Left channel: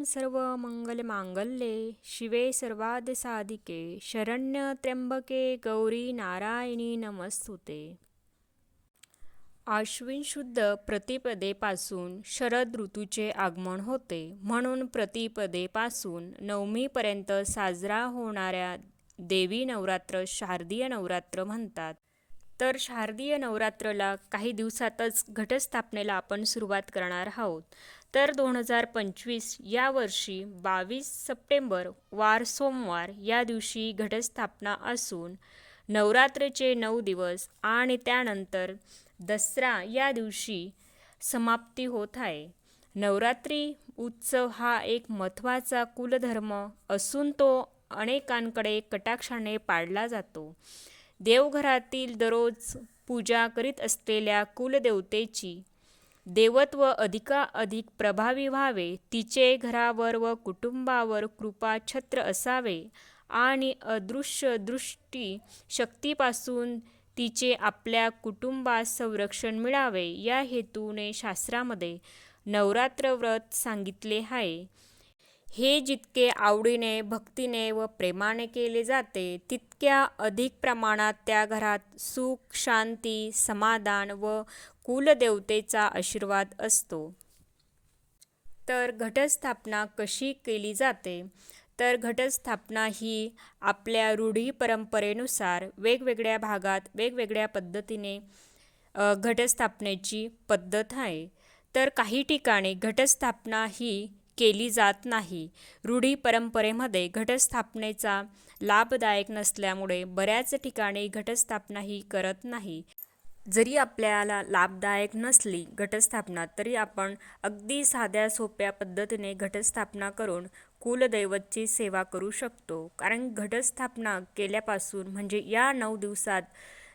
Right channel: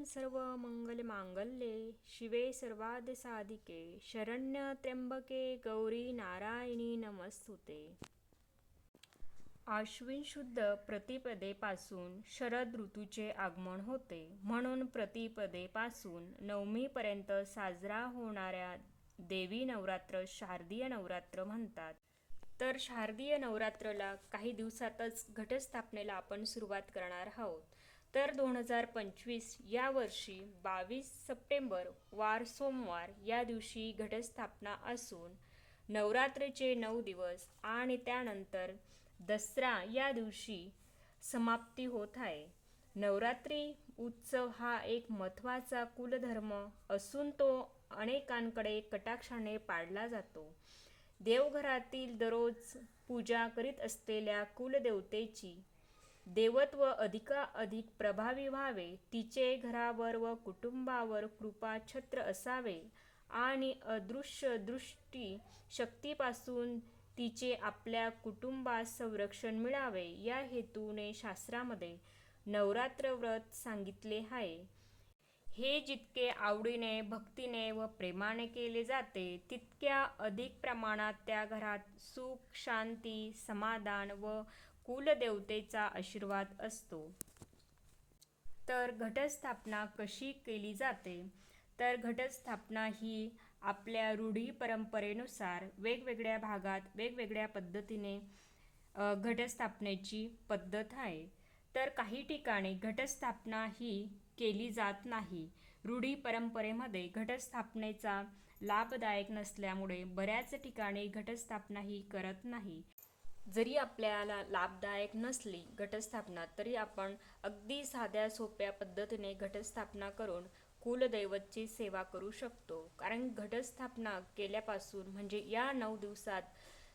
ओम सर्व मंगल मांगल्ये शिवे सर्वाद साधिके शरण्य त्र्यंबके गौरी नारायणी नमस्तुते. आश्विन शुद्ध प्रतिपदेपासून शरद ऋतूचे आगमन होते. म्हणून प्रतिपदेपासून नवमीपर्यंत साजरा होणाऱ्या देवी नवरात्र शारदीय नवरात्र म्हणतात. तर शारदीय नवरात्रला काही दिवसातच घटस्थापनेला आपण सुरुवात करणार आहोत. तर दोन हजार पंचवीस या वर्षी बावीस सप्टेंबर वार सोमवार या दिवशी घटस्थापना असून नवरात्रीचे नऊ दिवस आणि त्यानंतर दसरा या दिवशी समाप्ती होत आहे. नवरात्री उत्सव हा एक महत्त्वाचा कुलधर्म असून तो अनेकांकडे कटाक्षाने पाळला जातो. देवघरातील दररोज पूजा करीत असलेल्या कुलदेवतेची देवत्व अधिकाधिक प्रभावी व्हावे तिचे घरावर व कुटुंबावर कृपा छत्र असावे आणि अदृश्य दृष्टी शक्तीपासून तिचे आपल्या कुटुंबास संरक्षण मिळावे या हेतूने शास्त्रामध्ये नवरात्र व्रत सांगितले आहे. हे जितके आवडीने भक्तीने व प्रेमाने केले जाते तितक्या अधिक प्रमाणात त्या घरात सुख शांती समाधान व कुलदेवतेचा आशीर्वाद असतो. तर घटस्थापना कशी केली जाते? तर घटस्थापना ही आपल्या रूढी परंपरेनुसार वेगवेगळ्या भागात वेगवेगळ्या पद्धतीने घटस्थापनेची पद्धत आहे. तर काही ठिकाणी घटस्थापना ही केली जात नाही. रूढी परंपरेमध्ये घटस्थापनेचा लाभदायक नसल्यामुळे बऱ्याच ठिकाणी घटस्थापना ही करत नाही. जरी आपल्याला लाभदायक नसली घटस्थापना तरी आपण अगदी साध्या सोप्या पद्धतीने घटस्थापना करून कुलदैवतची सेवा करू शकतो. कारण घटस्थापना केल्यापासून म्हणजे या नऊ दिवसात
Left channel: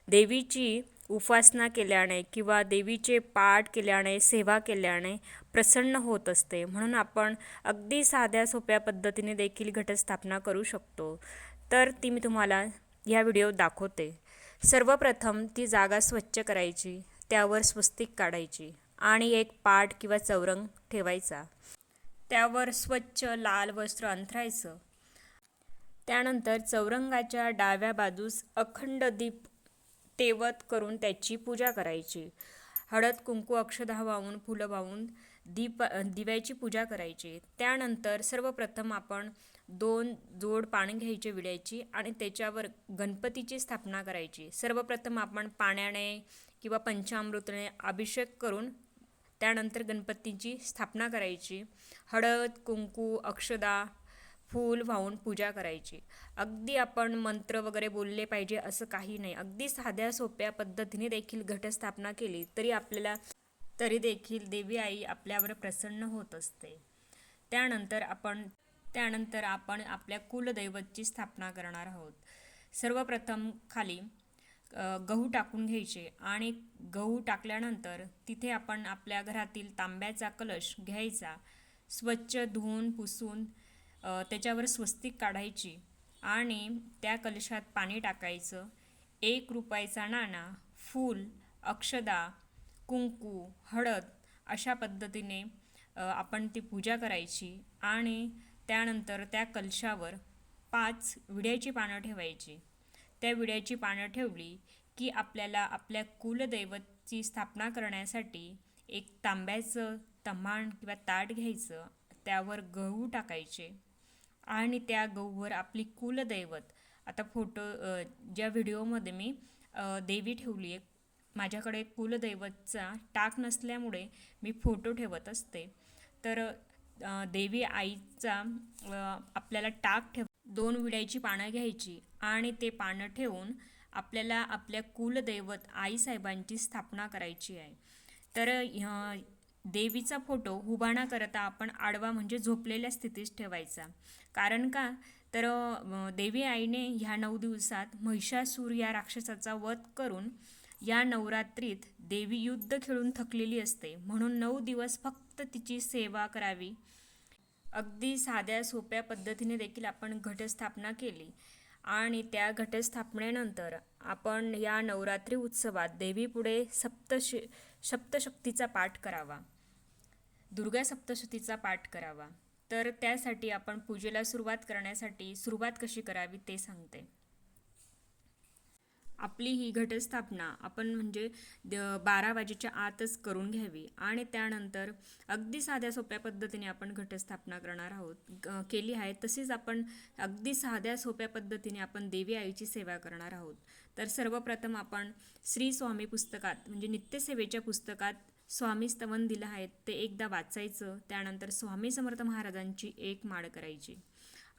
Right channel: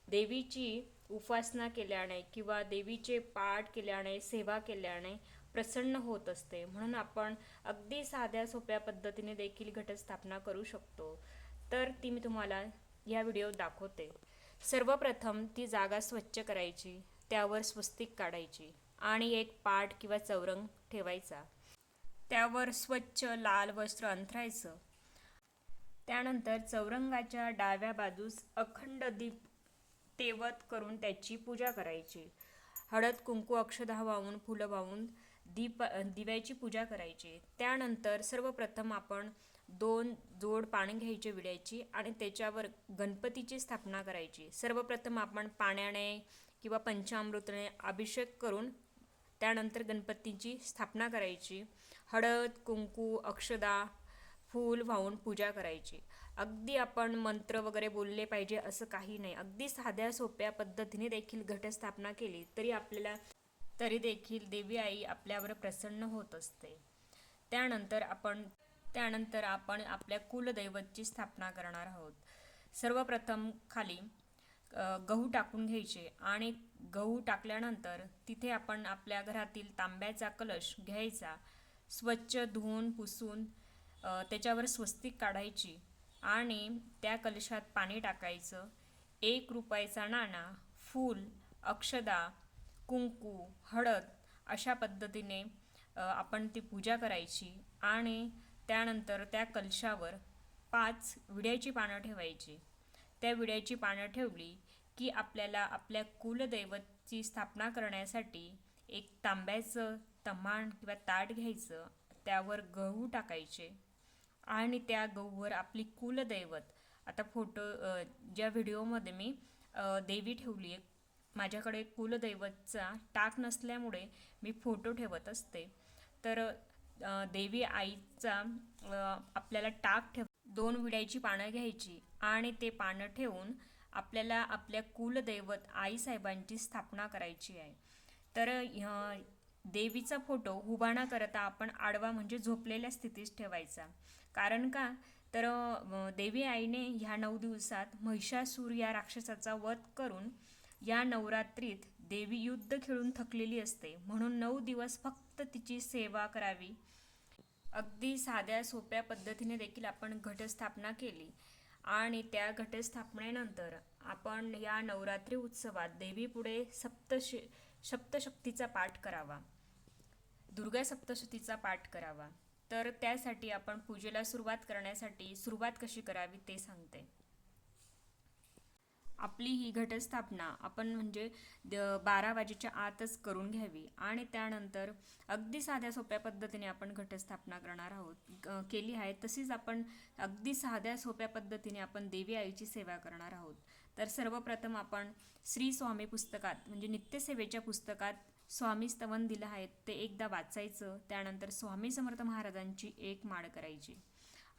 देवीची उपासना केल्याने किंवा देवीचे पाठ केल्याने सेवा केल्याने प्रसन्न होत असते. म्हणून आपण अगदी साध्या सोप्या पद्धतीने देखील घटस्थापना करू शकतो. तर ती मी तुम्हाला या व्हिडिओ दाखवते. सर्वप्रथम ती जागा स्वच्छ करायची त्यावर स्वस्तिक काढायची आणि एक पाट किंवा चौरंग ठेवायचा. त्यावर स्वच्छ लाल वस्त्र अंथरायचं. त्यानंतर चौरंगाच्या डाव्या बाजूस अखंड दीप तेवत करून त्याची पूजा करायची. हळद कुंकू अक्षदा वाहून फुलं वाहून दीप दिव्याची पूजा करायची. त्यानंतर सर्वप्रथम आपण दोन जोड पाणी घ्यायचे विड्याची आणि त्याच्यावर गणपतीची स्थापना करायची. सर्वप्रथम आपण पाण्याने किंवा पंचामृतने अभिषेक करून त्यानंतर गणपतीची स्थापना करायची. हळद कुंकू अक्षदा फूल वाहून पूजा करायची. अगदी आपण मंत्र वगैरे बोलले पाहिजे असं काही नाही. अगदी साध्या सोप्या पद्धतीने देखील घटस्थापना केली तरी आपल्याला तरी देखील देवी आई आपल्यावर प्रसन्न होत असते. त्यानंतर आपण त्यानंतर आपण आपल्या कुलदैवतची स्थापना करणार आहोत. सर्वप्रथम खाली गहू टाकून घ्यायचे आणि गहू टाकल्यानंतर तिथे आपण आपल्या घरातील तांब्याचा कलश घ्यायचा स्वच्छ धुवून पुसून त्याच्यावर स्वस्तिक काढायची आणि त्या कलशात पाणी टाकायचं. एक रुपयाचा नाणा फूल अक्षदा कुंकू हळद अशा पद्धतीने आपण ती पूजा करायची आणि त्यानंतर त्या कलशावर पाच विड्याची पानं ठेवायची. त्या विड्याची पानं ठेवली की आपल्याला आपल्या कुलदैवतची स्थापना करण्यासाठी एक तांब्याचं तमाण किंवा ताट घ्यायचं त्यावर गहू टाकायचे आणि त्या गहूवर आपली कुलदैवत. आता फोटो ज्या व्हिडिओमध्ये मी देवी ठेवली आहे माझ्याकडे कुलदैवतचा टाक नसल्यामुळे मी फोटो ठेवत असते. तर देवी आईचा आपल्याला टाक ठेव दोन विड्याची पानं घ्यायची आणि ते पानं ठेवून आपल्याला आपल्या कुलदैवत आईसाहेबांची स्थापना करायची आहे. तर देवीचा फोटो हुबाणा करता आपण आडवा म्हणजे झोपलेल्या स्थितीत ठेवायचा. कारण का? तर देवी आईने ह्या नऊ दिवसात महिषासूर या राक्षसाचा वध करून या नवरात्रीत देवी युद्ध खेळून थकलेली असते. म्हणून नऊ दिवस फक्त तिची सेवा करावी. अगदी साध्या सोप्या पद्धतीने देखील आपण घटस्थापना केली. आणि त्या घटस्थापनेनंतर आपण या नवरात्री उत्सवात देवीपुढे सप्तश सप्तशक्तीचा पाठ करावा. दुर्गा सप्तशतीचा पाठ करावा. तर त्यासाठी आपण पूजेला सुरुवात करण्यासाठी सुरुवात कशी करावी ते सांगते. आपली ही घटस्थापना आपण म्हणजे द- बारा वाजेच्या आतच करून घ्यावी आणि त्यानंतर अगदी साध्या सोप्या पद्धतीने आपण घटस्थापना करणार आहोत. ग- केली आहे तशीच आपण अगदी साध्या सोप्या पद्धतीने आपण देवी आईची सेवा करणार आहोत. तर सर्वप्रथम आपण श्री स्वामी पुस्तकात म्हणजे नित्यसेवेच्या पुस्तकात स्वामी स्तवन दिलं आहे ते एकदा वाचायचं त्यानंतर स्वामी समर्थ महाराजांची एक माळ करायची.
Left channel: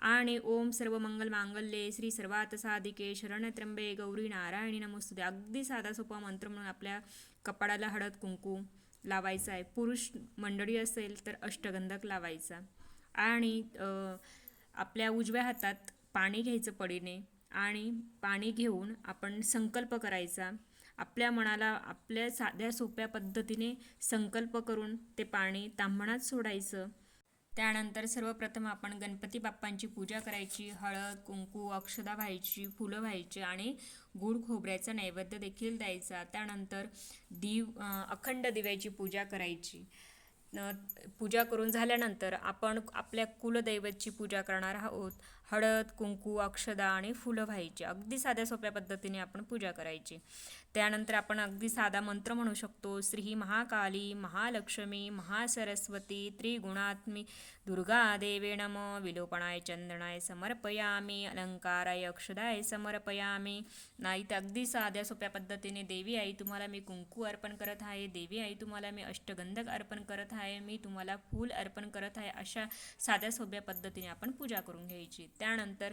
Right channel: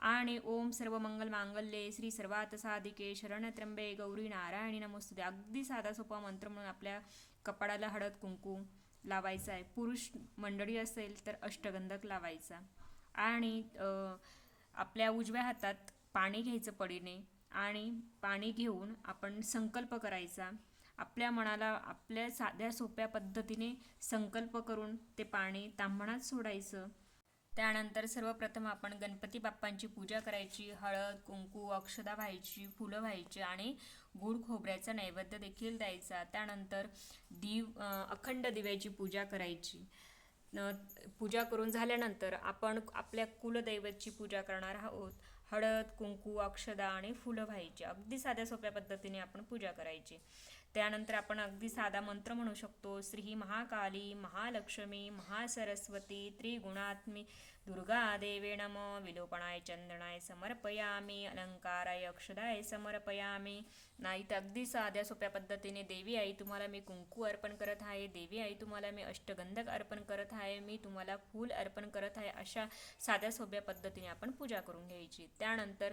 आणि ओम सर्व मंगल मांगल्ये श्री सर्वात साधिके शरण त्र्यंबे गौरी नारायणी नमोस्तुते. अगदी साधा सोपा मंत्र म्हणून आपल्या कपाळाला हळद कुंकू लावायचा आहे. पुरुष मंडळी असेल तर अष्टगंधक लावायचा. आणि आपल्या उजव्या हातात पाणी घ्यायचं पडीने आणि पाणी घेऊन आपण संकल्प करायचा. आपल्या मनाला आपल्या साध्या सोप्या पद्धतीने संकल्प करून ते पाणी तांबणात सोडायचं. त्यानंतर सर्वप्रथम आपण गणपती बाप्पांची पूजा करायची. हळद कुंकू अक्षदा व्हायची फुलं व्हायची आणि गुळ खोबऱ्याचा नैवेद्य देखील द्यायचा. त्यानंतर दिव अखंड दिव्याची पूजा करायची. न- पूजा करून झाल्यानंतर आपण आपल्या कुलदैवतची पूजा करणार आहोत. हळद कुंकू अक्षदा आणि फुलं व्हायची. अगदी साध्या सोप्या पद्धतीने आपण पूजा करायची. त्यानंतर आपण अगदी साधा मंत्र म्हणू शकतो श्री महाकाली महालक्ष्मी महासरस्वती त्रिगुणात्मी दुर्गा देवे नम विलोपणाय चंदनाय समर्पयामी अलंकाराय अक्षदाय समर्पयामी. नाही तर अगदी साध्या सोप्या पद्धतीने देवी आई तुम्हाला मी कुंकू अर्पण करत आहे देवी आई तुम्हाला मी अष्टगंधक अर्पण करत आहे मी तुम्हाला फूल अर्पण करत आहे अशा साध्या सोप्या पद्धतीने आपण पूजा करून घ्यायची. त्यानंतर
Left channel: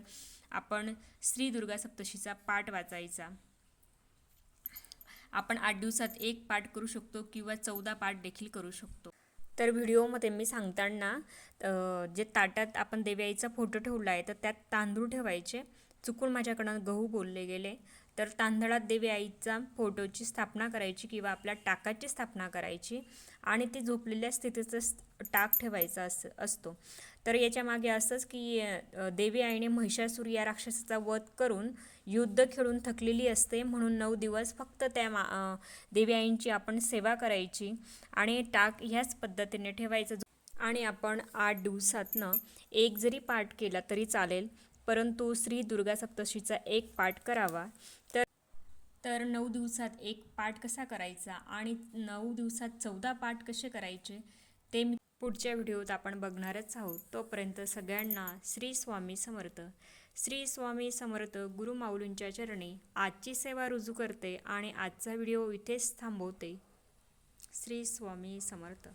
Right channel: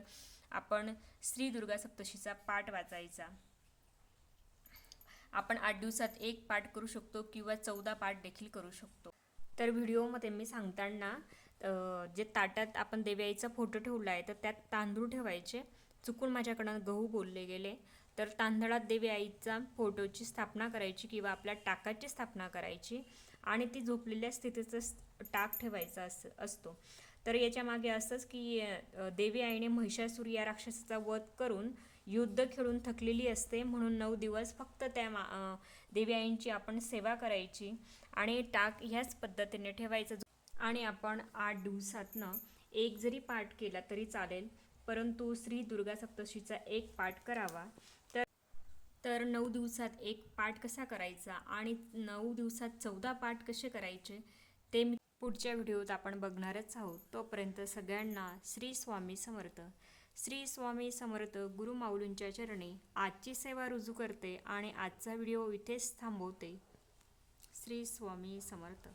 आपण श्री दुर्गा सप्तशीचा पाठ वाचायचा. आपण आठ दिवसात एक पाठ करू शकतो किंवा चौदा पाठ देखील करू शकतो. तर व्हिडिओमध्ये मी सांगताना जे ताटात आपण देवी आईचा फोटो ठेवला आहे तर त्यात तांदूळ ठेवायचे. चुकून माझ्याकडनं गहू बोलले गेले. तर तांदळात देवी आईचा फोटोची स्थापना करायची किंवा आपल्या टाकाची स्थापना करायची. आणि ती झोपलेल्या स्थितीतच टाक ठेवायचा अस असतो. तर याच्या मागे असंच की देवी आईने महिषासूर या राक्षसाचा वध करून युद्ध खेळून थकलेली असते. म्हणून नऊ दिवस फक्त त्या मा देवी आईंची आपण सेवा करायची आणि टाक ह्याच पद्धतीने ठेवायचं. आणि आपण आठ दिवसातनं एक जरी पाठ केला तरी चालेल. परंतु श्री दुर्गा सप्तशीचा एक पाठ करावा. तर नऊ दिवसात एक पाठ कसा करायचा आणि नऊ दिवसात चौदा पाठ कसे करायचे ते मी पुढच्या व्हिडिओत आपण बघणारच आहोत. तोपर्यंत सगळ्यांना श्री स्वामी समर्थ. श्री स्वामी समर्थ गुरु माऊलींच्या चरणी आजची सेवा रुजू करते आणि आजचा व्हिडिओ इथेच थांबवते. श्री स्वामी समर्थ.